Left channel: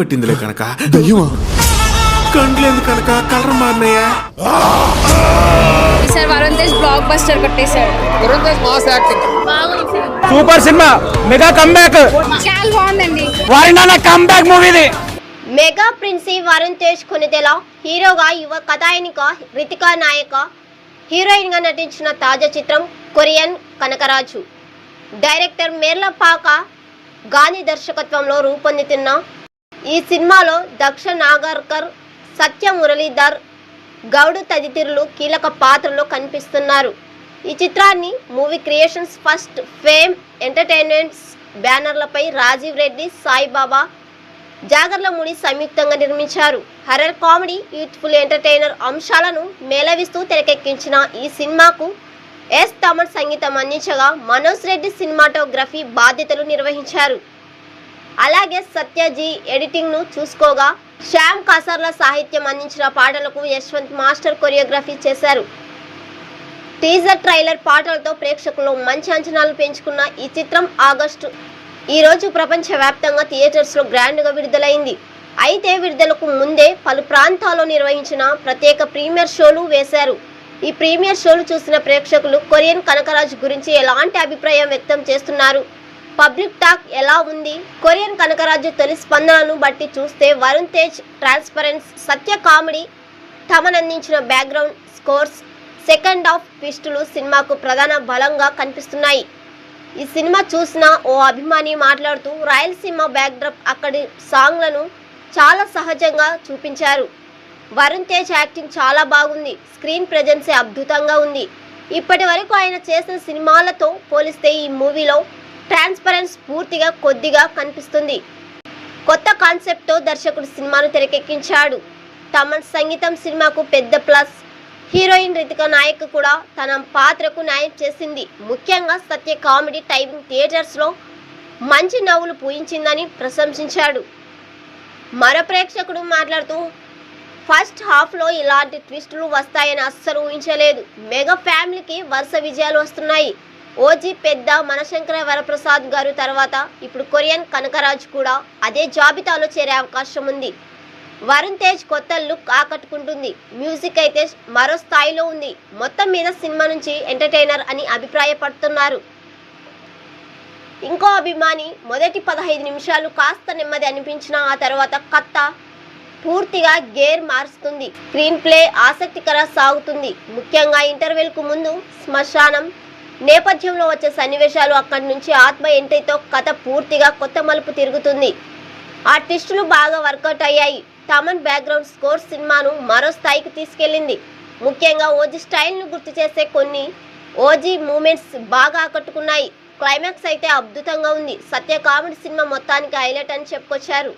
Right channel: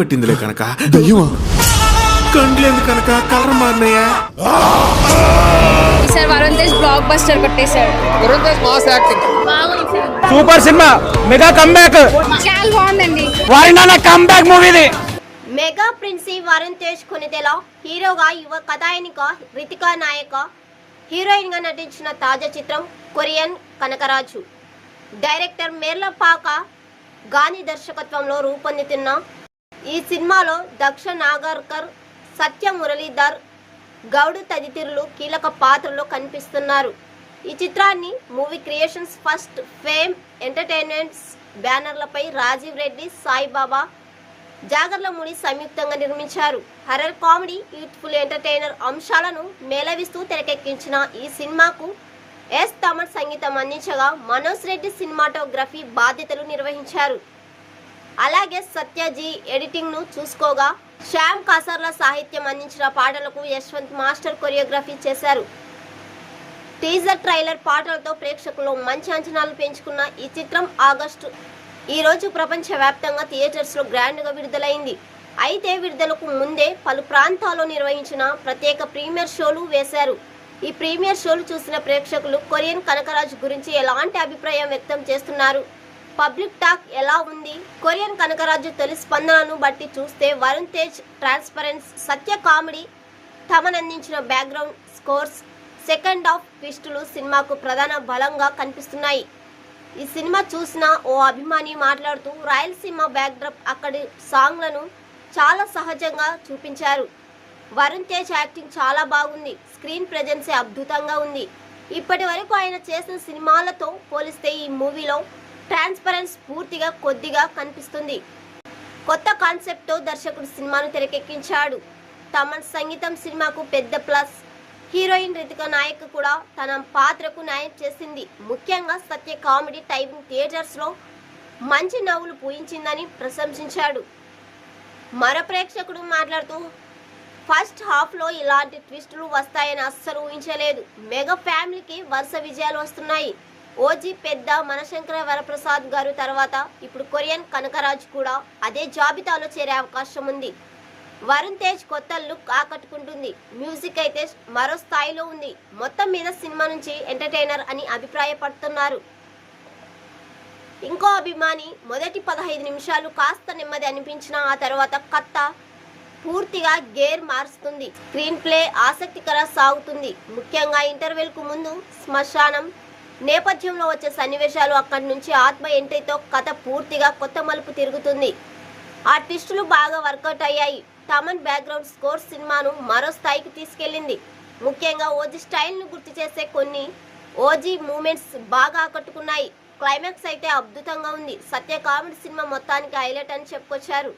పట్టిందిలే కనుక. దయ్యమా? కండ్లేదు కనుక కలర్ మారినాయా? ఈసారి వరుణ్ తేజ్ బ్లాక్ బస్టర్ కొట్టేశాడు. Varun Tej mass acting super cinema, mega comeback. చాలా బాగుందండి. వారినా కమ్బ్యాక్ మూవీది. మెగా ప్రిన్సీ వరుణ్ తేజ్ కొనిదెల హీరోగా యువ కథాయనిక రితికా నాయక హీరోయిన్ గా నటించిన తాజా చిత్రం కొరియన్ కనకరాజు. డైరెక్టర్ మేర్లపాక గాని దర్శకత్వంలో రూపొందుతున్న ఈ సినిమాలో దక్ష నాగర్కర్, సత్య మురళీధర్ గౌడ్ తదితరులు కీలక పాత్రలో కనిపిస్తున్నారు. ఈ చిత్రాన్ని movie creations first fame entertainments బ్యానర్లపై రాజీవ్ రెడ్డి, సాయిబాబా, జాగర్లమూడి సంయుక్తంగా నిర్మించారు. హర్రర్ కామెడీ, యూత్ఫుల్ ఎంటర్టైనర్ అంశాలను మేళవిస్తూ తెరకెక్కించిన ఈ సినిమాకు ఎస్ తమన్ సంగీతం అందించగా మనోజ్ రెడ్డి సినిమాటోగ్రఫీ బాధ్యతలు నిర్వహించారు. అలాగే సత్యజీ ఎడిటింగ్ ను చూసుకోగా శ్యామ్ కాసర్ల సాహిత్యం అందించిన పాటలకు యశ్వంత్ మాస్టర్ కొరియోగ్రఫీ చేశారు. టీజర్ ట్రైలర్ పాటలతో ప్రేక్షకుల్లో మంచి అంచనాలు పెంచుకున్న ఈ చిత్రం ఆగస్టు ఈ రోజు ప్రపంచవ్యాప్తంగా థియేటర్స్ లో గ్రాండ్ గా విడుదలైంది. అయితే విడుదలకు ముందే పలు ప్రాంతాల్లో నిర్వహించిన ప్రత్యేక ప్రీమియర్ షోలు వేశారు. ఈ ప్రీమియర్ షోలు చూసిన ప్రేక్షకులు కొరియన్ కనకరాజు గురించి ఎలాంటి అభిప్రాయం వ్యక్తం చేస్తున్నారు, పబ్లిక్ టాక్ ఎలా ఉంది? కొరియన్ కనకరాజు తొలి స్పందనను బట్టి చూస్తే వరుణ్ తేజ్ ట్రాన్స్పరెన్స్, సత్య కామెడీ, తమన్ అందించిన బ్యాక్గ్రౌండ్ స్కోర్స్, సెకండ్ హాఫ్ ట్విస్టులు సినిమాకు ప్రధాన బలంగా కనిపిస్తున్నాయి. ఈ సినిమా చూసిన ఓ అభిమాని మాట్లాడుతూ రాయలసీమ బ్యాక్డ్రాప్, అక్కడి సాంగ్లను చాలా సహజంగా చూపించారు. వరుణ్ తేజ్ యాక్టింగ్ చాలా బాగుంది, స్క్రీన్ ప్రెజెన్సే అద్భుతంగా ఉంది. ఇప్పటి వరకు ఆయన చేసిన సినిమాలతో పోలిస్తే ఈ మూవీలో ట్రాన్స్పరెన్స్ పూర్తిగా కొద్దిగా కనిపిస్తుంది. కొత్త కాన్సెప్ట్తో దర్శకుడు సినిమాను తెరకెక్కించాడు. తమన్ సంగీతం సినిమాకు పెద్ద ప్లస్. హీరోయిన్ రితికా నాయక్ కూడా తన పాత్రకు న్యాయం చేసింది. ముఖ్యంగా సత్య కామెడీ టైమింగ్ థియేటర్స్లో మంచి నవ్వులు పూయించిందని ప్రశంసించాడు. మరో ప్రేక్షకుడు మాట్లాడుతూ ఫస్ట్ హాఫ్లో ఇలాంటి ట్విస్టులు వస్తాయని అస్సలు ఊహించలేదు. మెగా ఫ్యామిలీకి వరుస విజయాలు వస్తున్నాయి. ఓజీ పెద్ద మనశంకర వరప్రసాద్ గారు తర్వాత ఇప్పుడు కొరియన్ కనకరాజు కూడా అదే జాబితాలో చేరే అవకాశం ఉంది. వరుణ్ తేజ్ కొత్త లుక్ ఆకట్టుకుంటుంది. మ్యూజిక్ అయితే మరో స్థాయిలో ఉంది. మొత్తం మీద సినిమా నుంచి ఎంటర్టైనర్ అని అభిప్రాయపడుతున్నారు. ఇంకో అభిమాని మొదటి 15 నిమిషాలు కాస్త నెమ్మది అనిపించిన ఆ తర్వాత కథ పూర్తిగా గేర్ మారుస్తుంది. స్క్రీన్ ప్లే ఆసక్తికర సాగుతుంది. ముఖ్యంగా ఇంటర్వెల్ కు ముందు శ్మశానం నేపథ్యంలో వచ్చే సన్నివేశాలు, అక్కడి నుంచి ఆత్మ ఎంట్రీతో కథ పూర్తిగా కొత్త మలుపు తిరుగుతుంది. ఆ ట్విస్టులు బాగా వర్కౌట్ అయ్యాయి. తమన్ బ్యాక్గ్రౌండ్ స్కోర్ సినిమాను మరో స్థాయికి తీసుకెళ్లింది. ముఖ్యంగా ఓజీ స్టైల్ను గుర్తు చేసే కొన్ని ఓజీ మూమెంట్స్ బాగా ఆకట్టుకున్నాయి. క్లైమాక్స్ అయితే అద్భుతంగా ఉంది. సత్య కామెడీ సినిమా మొత్తానికి హైలైట్ అని చెప్పుకొచ్చారు.